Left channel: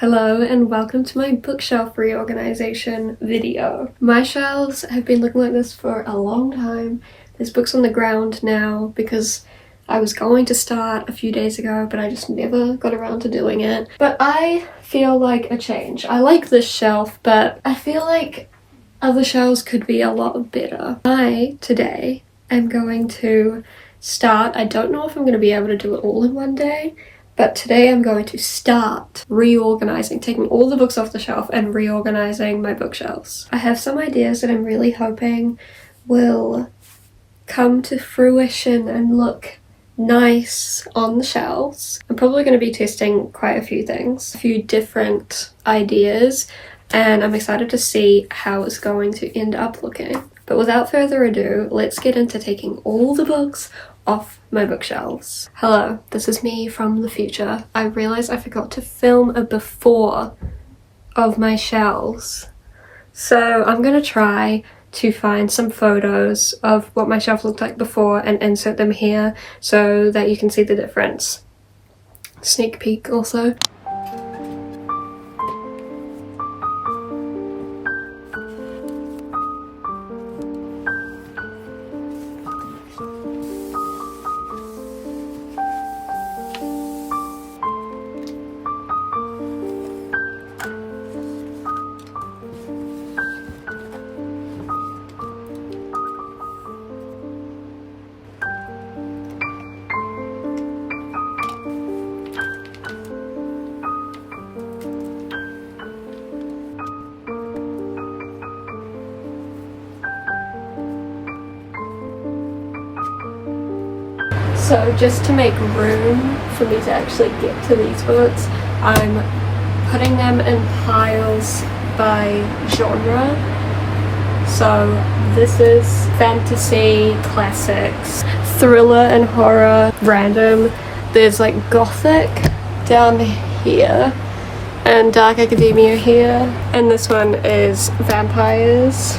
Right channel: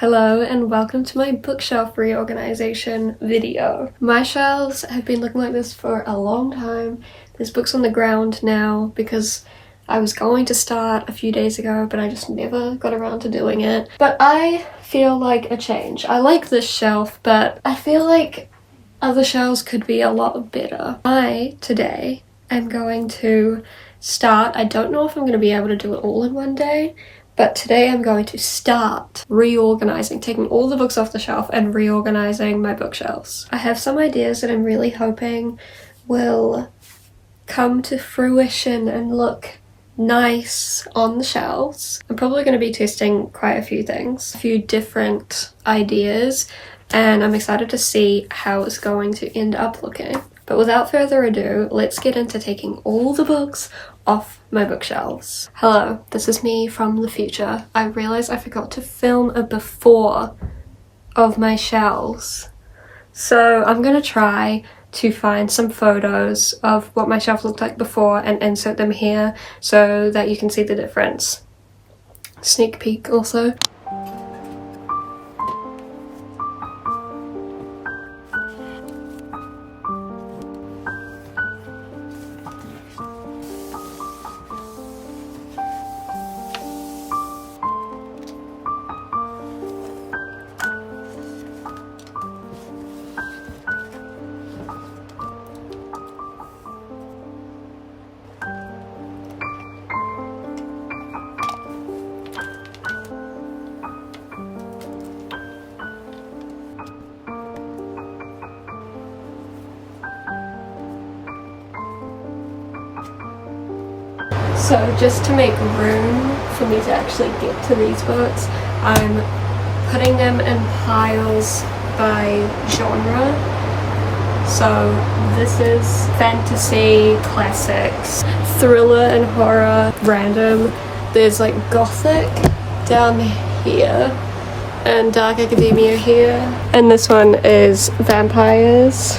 Hello and welcome to my bookshelf reorganization video. My shelves have been looking like this for a long time. There's books on the ground now because I was going to start a few days ago, but I just never got around to doing it. But I feel like a change. I like this shelf, but I feel like other shelves could be a lot better. Today am going to start. I don't know if I'm going to be able to do it all in one day, but today I'm going to start reorganizing, taking all the books off the shelf and reorganizing my bookshelves. I have some ideas that I'm really hoping will come to fruition and look nice on the shelves. I'm probably going to be testing quite a few things, a few different ideas, and I'm excited to see how it's going to end up looking. But without further ado, let's get into taking all the books off my bookshelves. Hello, this is me from the future. I realized I forgot to film a before of my shelves. So I'm gonna try to find some photos of what my shelf looked like before and insert them here so that you can see the difference. Sneak peek also. So just to make room for me to actually get to these books, I'm putting them in piles by genre. So this is fantasy, classics, thriller and horror, random. There's like gothic down here and dark academia here. And this one is vampires.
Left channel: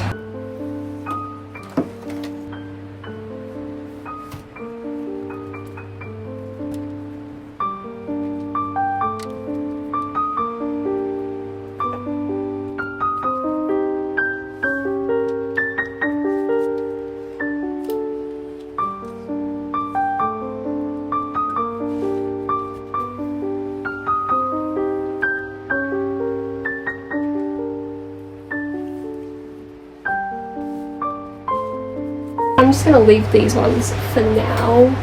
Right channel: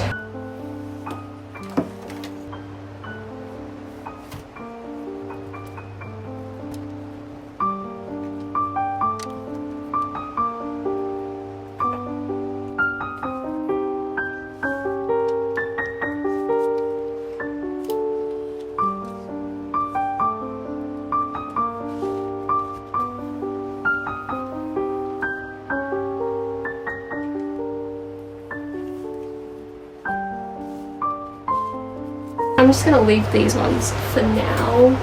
I'm just gonna leave these ones for now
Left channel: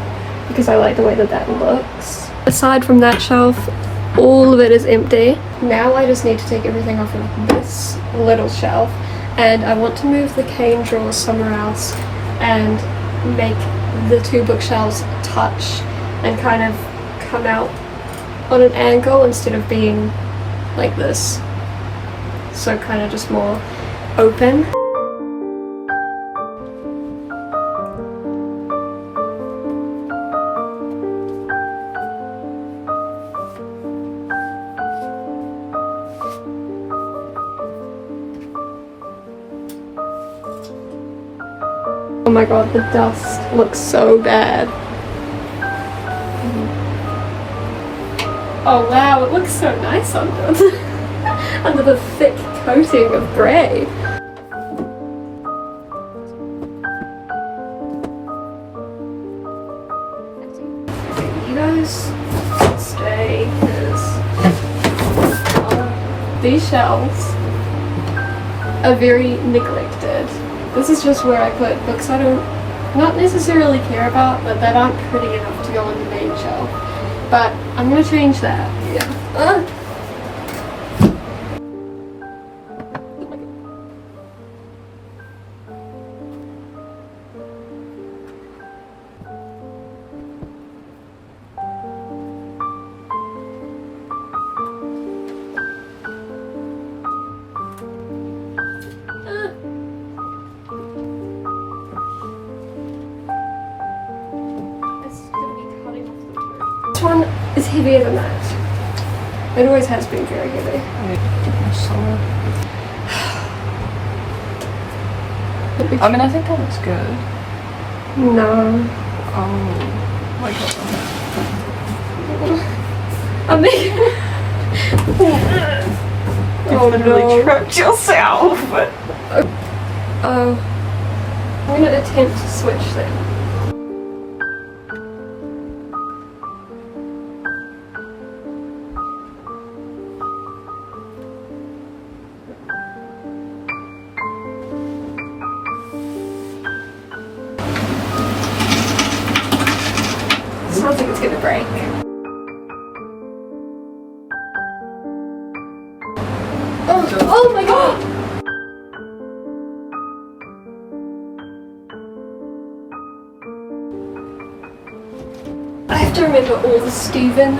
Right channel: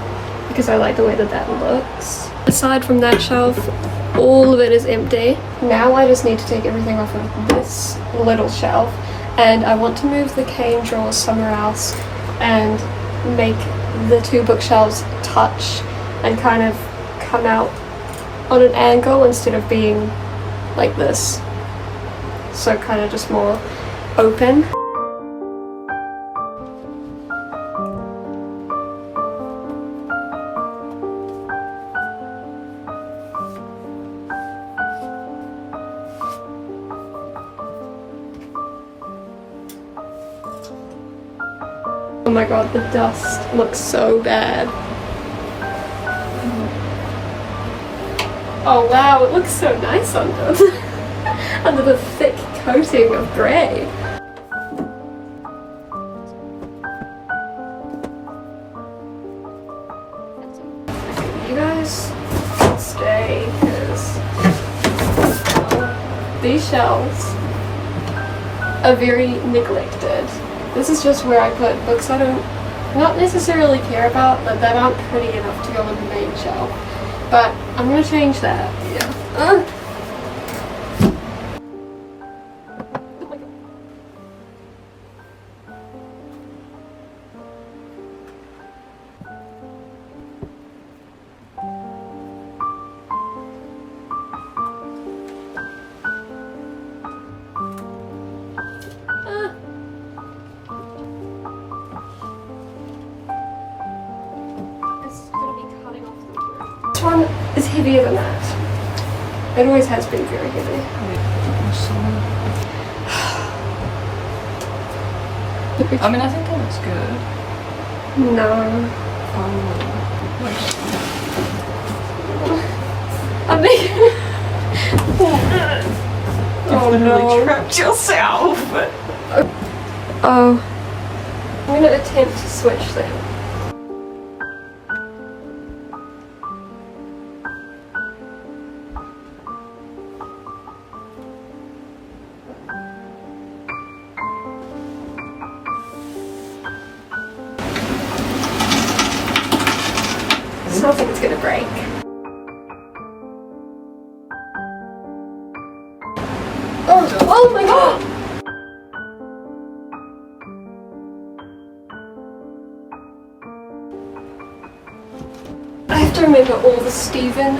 because I like the way that looks. Aside from that shelf, all of it is empty. Now I just need to take everything off of this little shelf, and I want to move the cane drawers somewhere else and make the two bookshelves touch and kind of come out on an angle instead of being like this. So kind of just more open. Oh my god, the dust looks so bad. Oh wow, it looks so nice under under the thick coating of grey. Okay, you guys stay, because these shelves are very neglected. This is just where I put books I not necessarily care about, but that aren't pretty enough to go on the main shelf. But I'm gonna change that. Yeah. This one is heavier than that. It always has been very heavy. I mean, I think that looks good. No. Oh. I mean, Oh no. Tripped yourself. Oh. I'm gonna attempt to switch them. Sounds like it's gonna break. Oh my god! I have to remember all the Stephen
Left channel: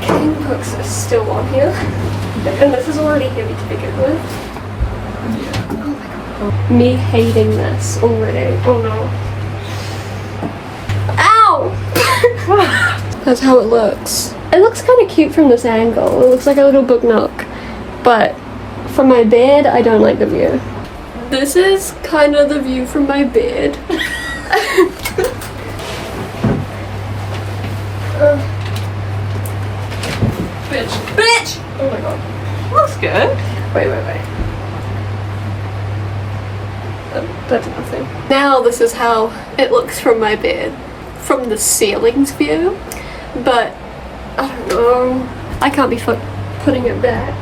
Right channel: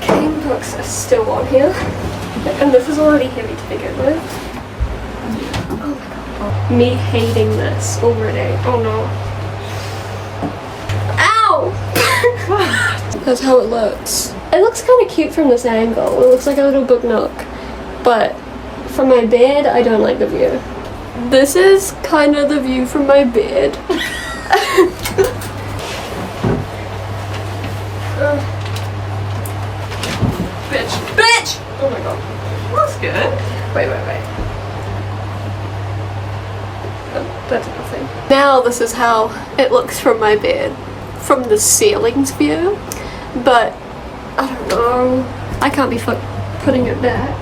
King books are still on here. And this is already heavy to begin with. Oh my god. Me hating this already. Oh no. Ow! That's how it looks. It looks kind of cute from this angle. It looks like a little book nook. But from my bed, I don't like the view. This is kind of the view from my bed. Bitch. Bitch! Oh my god. Looks good. Wait. That's nothing. Now this is how it looks from my bed. From the ceiling's view. But, I don't know. I can't be putting it back.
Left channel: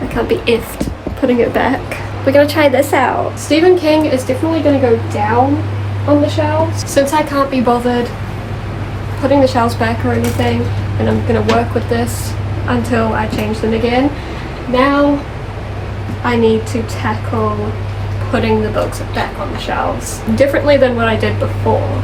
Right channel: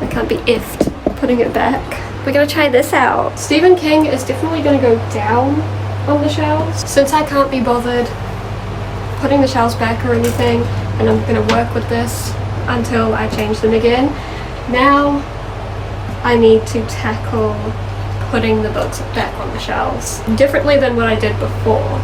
I can't be effed putting it back. We're gonna try this out. Stephen King is definitely gonna go down on the shelves. Since I can't be bothered putting the shelves back or anything, and I'm gonna work with this until I change them again. Now I need to tackle putting the books back on the shelves differently than what I did before.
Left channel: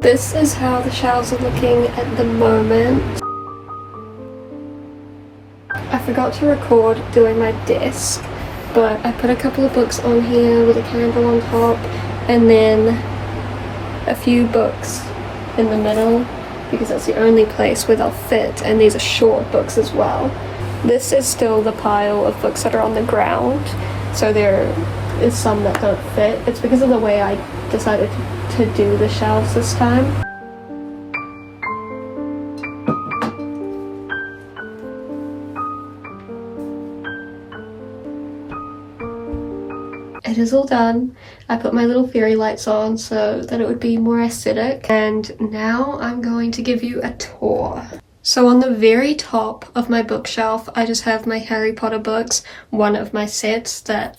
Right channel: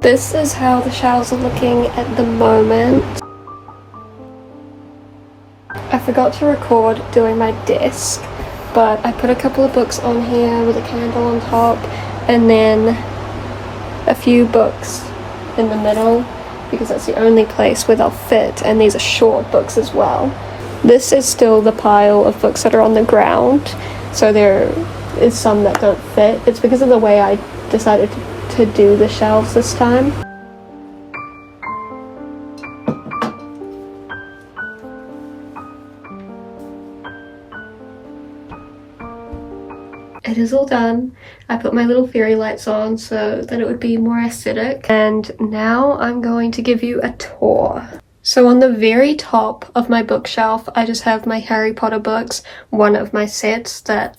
This is how the shelves are looking at the moment. I forgot to record doing my desk, but I put a couple of books on here with a candle on top, and then a few books in the middle, because that's the only place where they'll fit, and these are short books as well. This is still the pile of books that are on the ground, so there is some that don't fit. It's because of the way I decided to do the shelves this time. It is all done. I put my little fairy lights on so that it would be more aesthetic, and now I'm going to give you a tour. So on the very top of my bookshelf, I just have my Harry Potter books, one of my sets that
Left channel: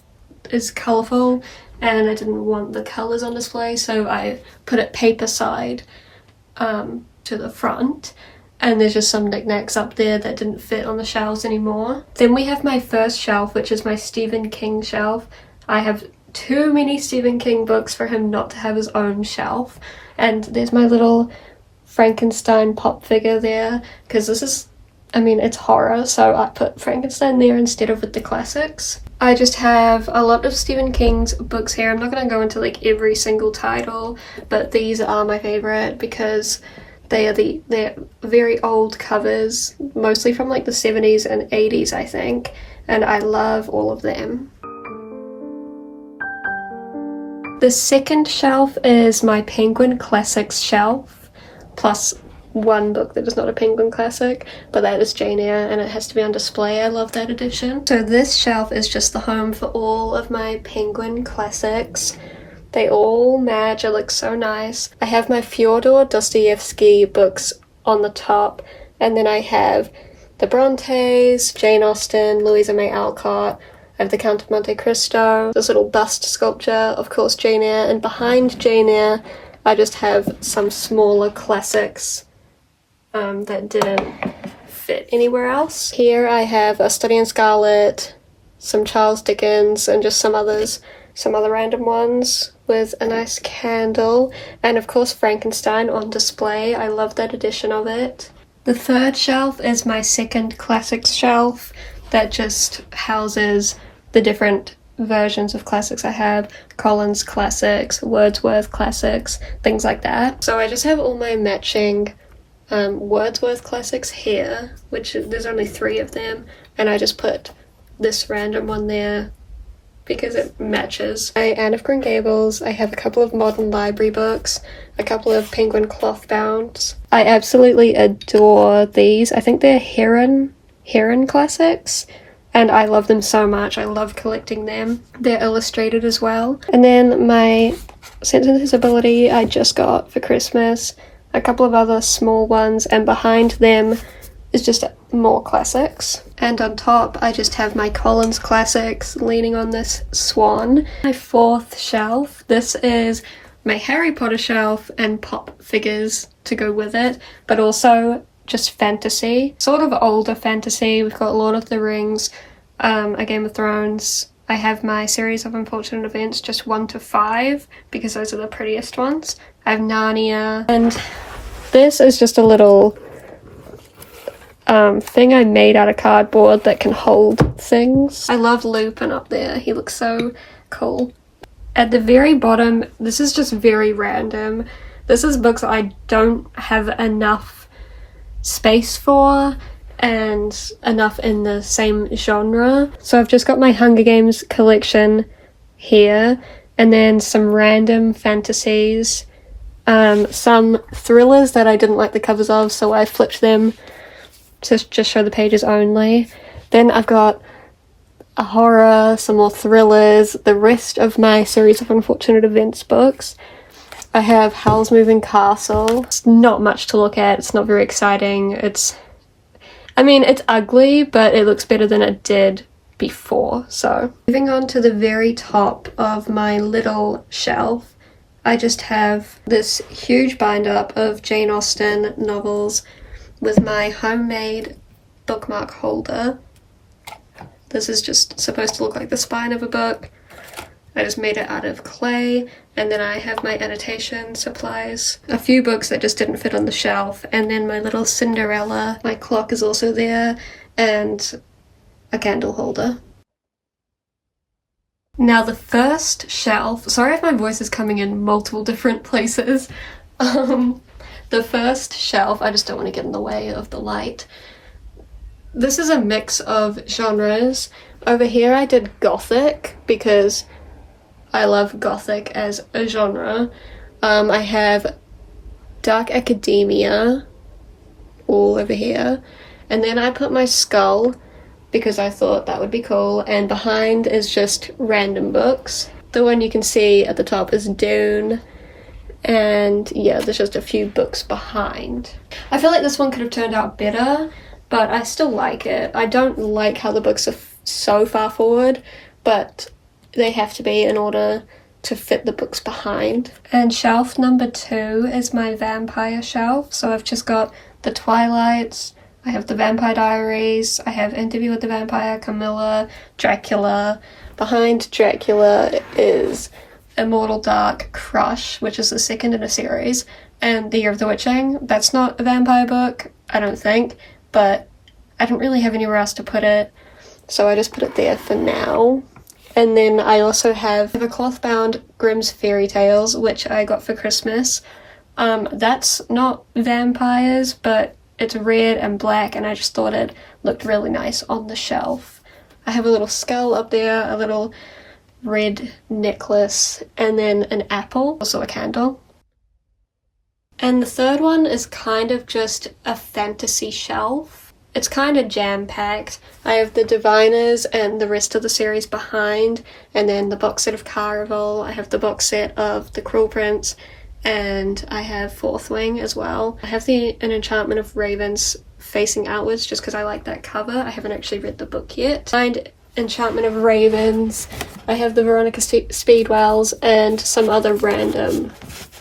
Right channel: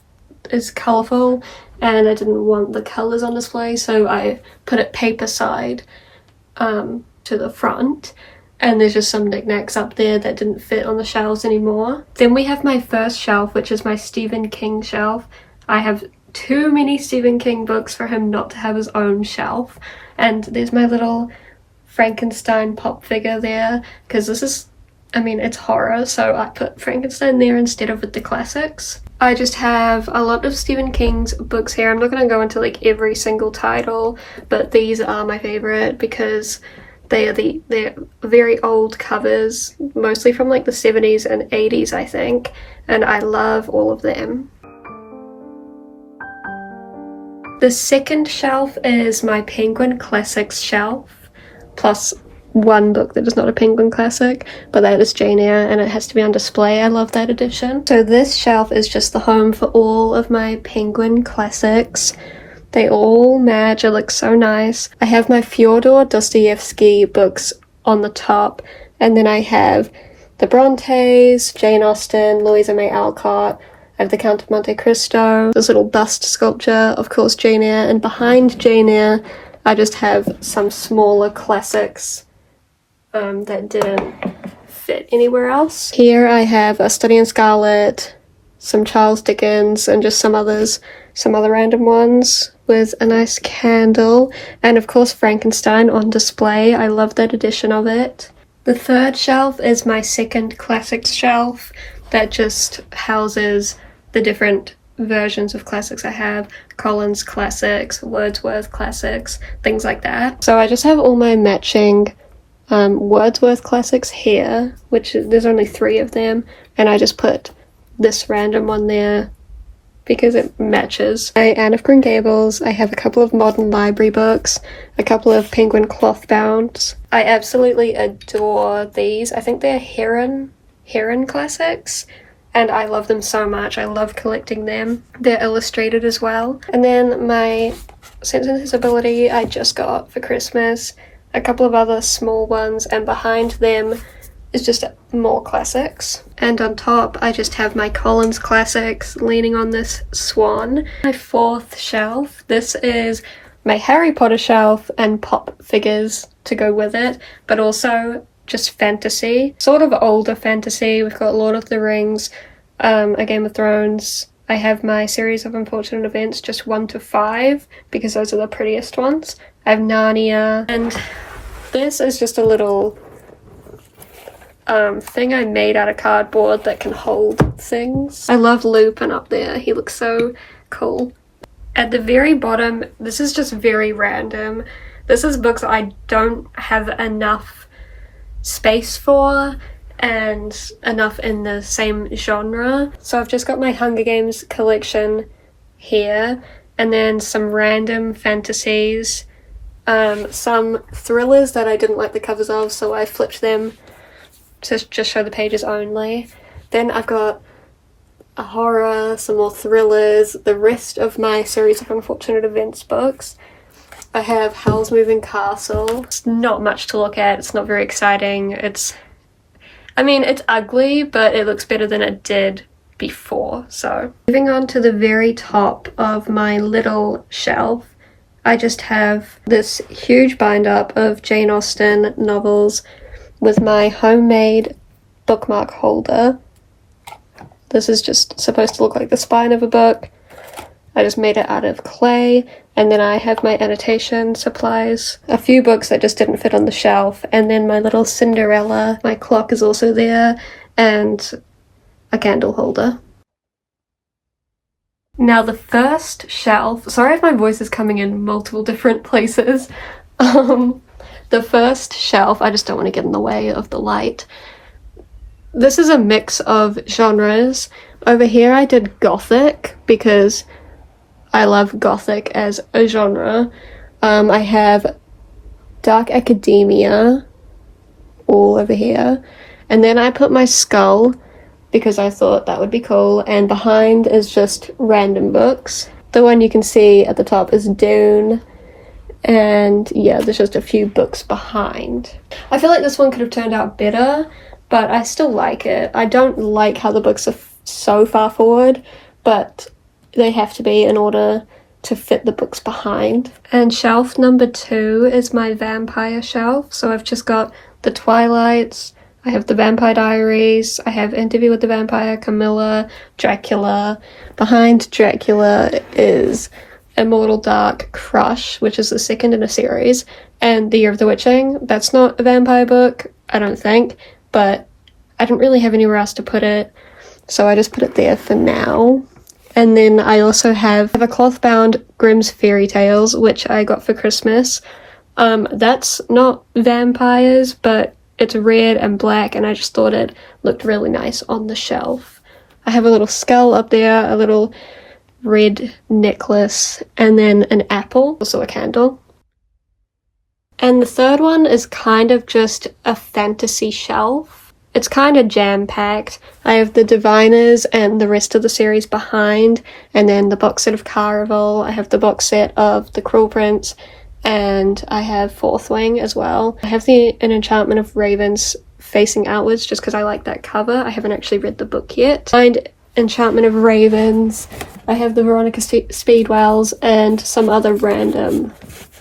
is colourful, and I didn't want the colours on display, so I put it paper side to the front, and there's just some knickknacks up there that didn't fit on the shelves anymore. Then we have my first shelf, which is my Stephen King shelf. I have too many Stephen King books for him not to have his own shelf. And there's my little Frankenstein pop figure there, because this is, I mean, it's horror, so I put Frankenstein there instead of with the classics. I just have a lot of Stephen King's books here. I'm not going to go into like every single title, but these are my favorite because they're very old covers, mostly from like the 70s and 80s, I think, and I love all of them. The second shelf is my Penguin Classics shelf, plus one book that is not a Penguin classic, but that is Jane Eyre, and it has to be on display. I love that edition. So this shelf is just the home for all of my Penguin classics. They all match, it looks so nice. I have my Fyodor Dostoevsky books on the top, and then I have the Brontes, Jane Austen, Louisa May Alcott, I have the Count of Monte Cristo, this little bust sculpture, of course Jane Eyre, and behind Jane Eyre I just have some smaller classics that didn't fit anywhere else. Here I have A Study in Scarlet, some Charles Dickens, and just some other random ones with a nice candle, and of course Frankenstein on display. I love that edition of it. The third shelf is my second classics shelf that just houses the different versions of classics I have. Collins classics, Wordsworth classics, things like that. So I just have all my matching Wordsworth classics here, which there's only 3 of them, and I just put this random one there because it matches. Anne of Green Gables, I have a couple of modern library books, a couple of Penguin cloth bounds. I absolutely adore these. I think they're Heron classics, and I love them so much. I love collecting them. They're illustrated as well. And then my Sense and Sensibility I just got for Christmas, a couple of other small ones, and behind them is just more classics. And on top I just have my Collins classics leaning on this swan. My fourth shelf, this is my Harry Potter shelf and pop figures to go with it, but also just fantasy, sort of older fantasy. We've got Lord of the Rings, A Game of Thrones. I have my Series of Unfortunate Events, just 1 to 5, because those are the prettiest ones. I have Narnia, and this is just a little thing I made out of cardboard that can hold things. I love Lupin up there, he looks so cool. At the very bottom, this is just very random. This is books I don't have enough space for and enough in the same genre. So I've just got my Hunger Games collection here, and then some random fantasies, some thrillers that I didn't like the covers of, so I flipped them to just show the pages only. Then I've got a horror, some more thrillers, the rest of my Series of Unfortunate Events books. I have Howl's Moving Castle. It's not much to look at, it's not very exciting. It's ugly, but it looks better than it did before, so. Moving on to the very top of my little shelf, I just have this huge bind up of Jane Austen novels with my homemade bookmark holder. This is just supposed to look like the spine of a book. I just made it out of clay, and then I have my annotation supplies, a few books that just didn't fit on the shelf, and then my little Cinderella. My clock is also there, and a candle holder. Now the first shelf, sorry if my voice is coming in multiple different places. The first shelf, I just don't want to get in the way of the light. This is a mix of genres. Over here I did Gothic because I love Gothic as a genre. I have Dark Academia all over here. And then I put my Skull because I thought that would be cool. And behind is just random books. The one you can see at the top is Dune. And yeah, there's just a few books behind. I feel like this one could have turned out better, but I still like it. I don't like how the books are so far forward, but they have to be in order to fit the books behind. And shelf number 2 is my vampire shelf. So I've just got the Twilights, I have the Vampire Diaries, I have Interview with the Vampire, Camilla, Dracula, Behind Dracula is Immortal Dark Crush, which is the second in a series, and The Year of the Witching. That's not a vampire book, I don't think, but I didn't really have anywhere else to put it, so I just put it there for now. And then I also have a cloth-bound Grimm's Fairy Tales, which I got for Christmas. That's not vampires, but it's red and black, and I just thought it looked really nice on the shelf. I have a little skull up there, a little red necklace, and then an apple, also a candle. And the third one is kind of just a fantasy shelf. It's kind of jam-packed. I have the Diviners and the rest of the series behind, and then the box set of Caraval. I have the box set of The Cruel Prince, and I have Fourth Wing as well. I have An Enchantment of Ravens facing outwards just because I like that cover. I haven't actually read the book yet. Behind Enchantment of Ravens, I have the Veronica Speedwells and some other random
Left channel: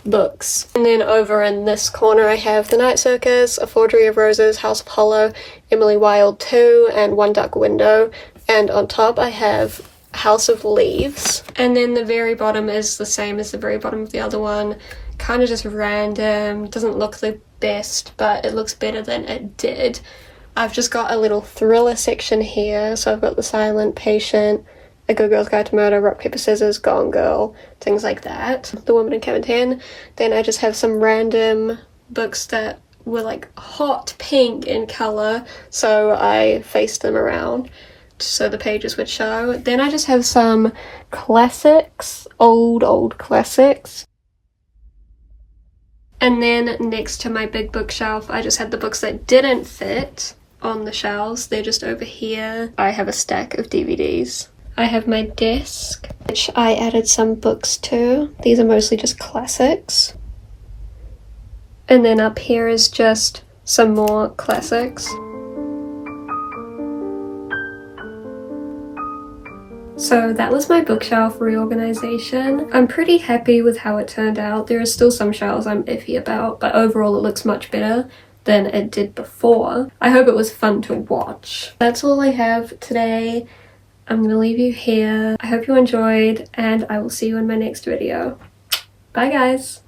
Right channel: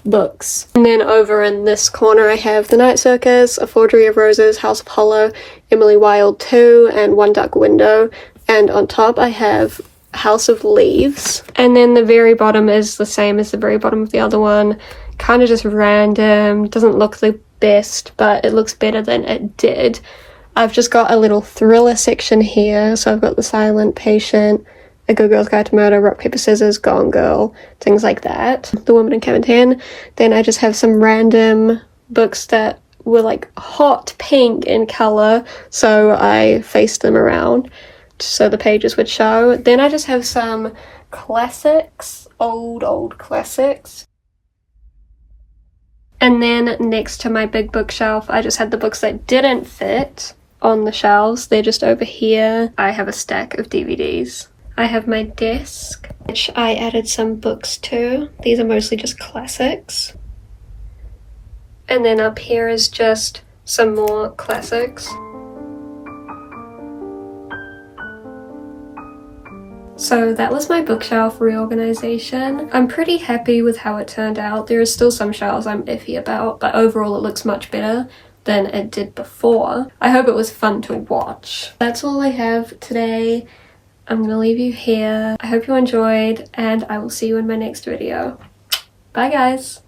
books. And then over in this corner I have The Night Circus, A Forgery of Roses, House of Hollow, Emily Wilde 2, and One Dark Window. And on top I have House of Leaves. And then the very bottom is the same as the very bottom of the other one. Kind of just random, doesn't look the best, but it looks better than it did. I've just got a little thriller section here, so I've got The Silent Patient, A Good Girl's Guide to Murder, Rock, Paper, Scissors, Gone Girl, things like that. The Woman in Cabin 10. Then I just have some random books that were like hot pink in colour, so I faced them around so the pages would show. Then I just have some classics, old classics. And then next to my big bookshelf, I just had the books that didn't fit on the shelves. They're just over here. I have a stack of DVDs. I have my desk, which I added some books to. These are mostly just classics. And then up here is just some more classics. So that was my bookshelf reorganization. I'm pretty happy with how it turned out. There are still some shelves I'm iffy about, but overall it looks much better than it did before. I hope it was fun to watch. That's all I have today. I'm gonna leave you here. I hope you enjoyed, and I will see you in my next video. Bye guys!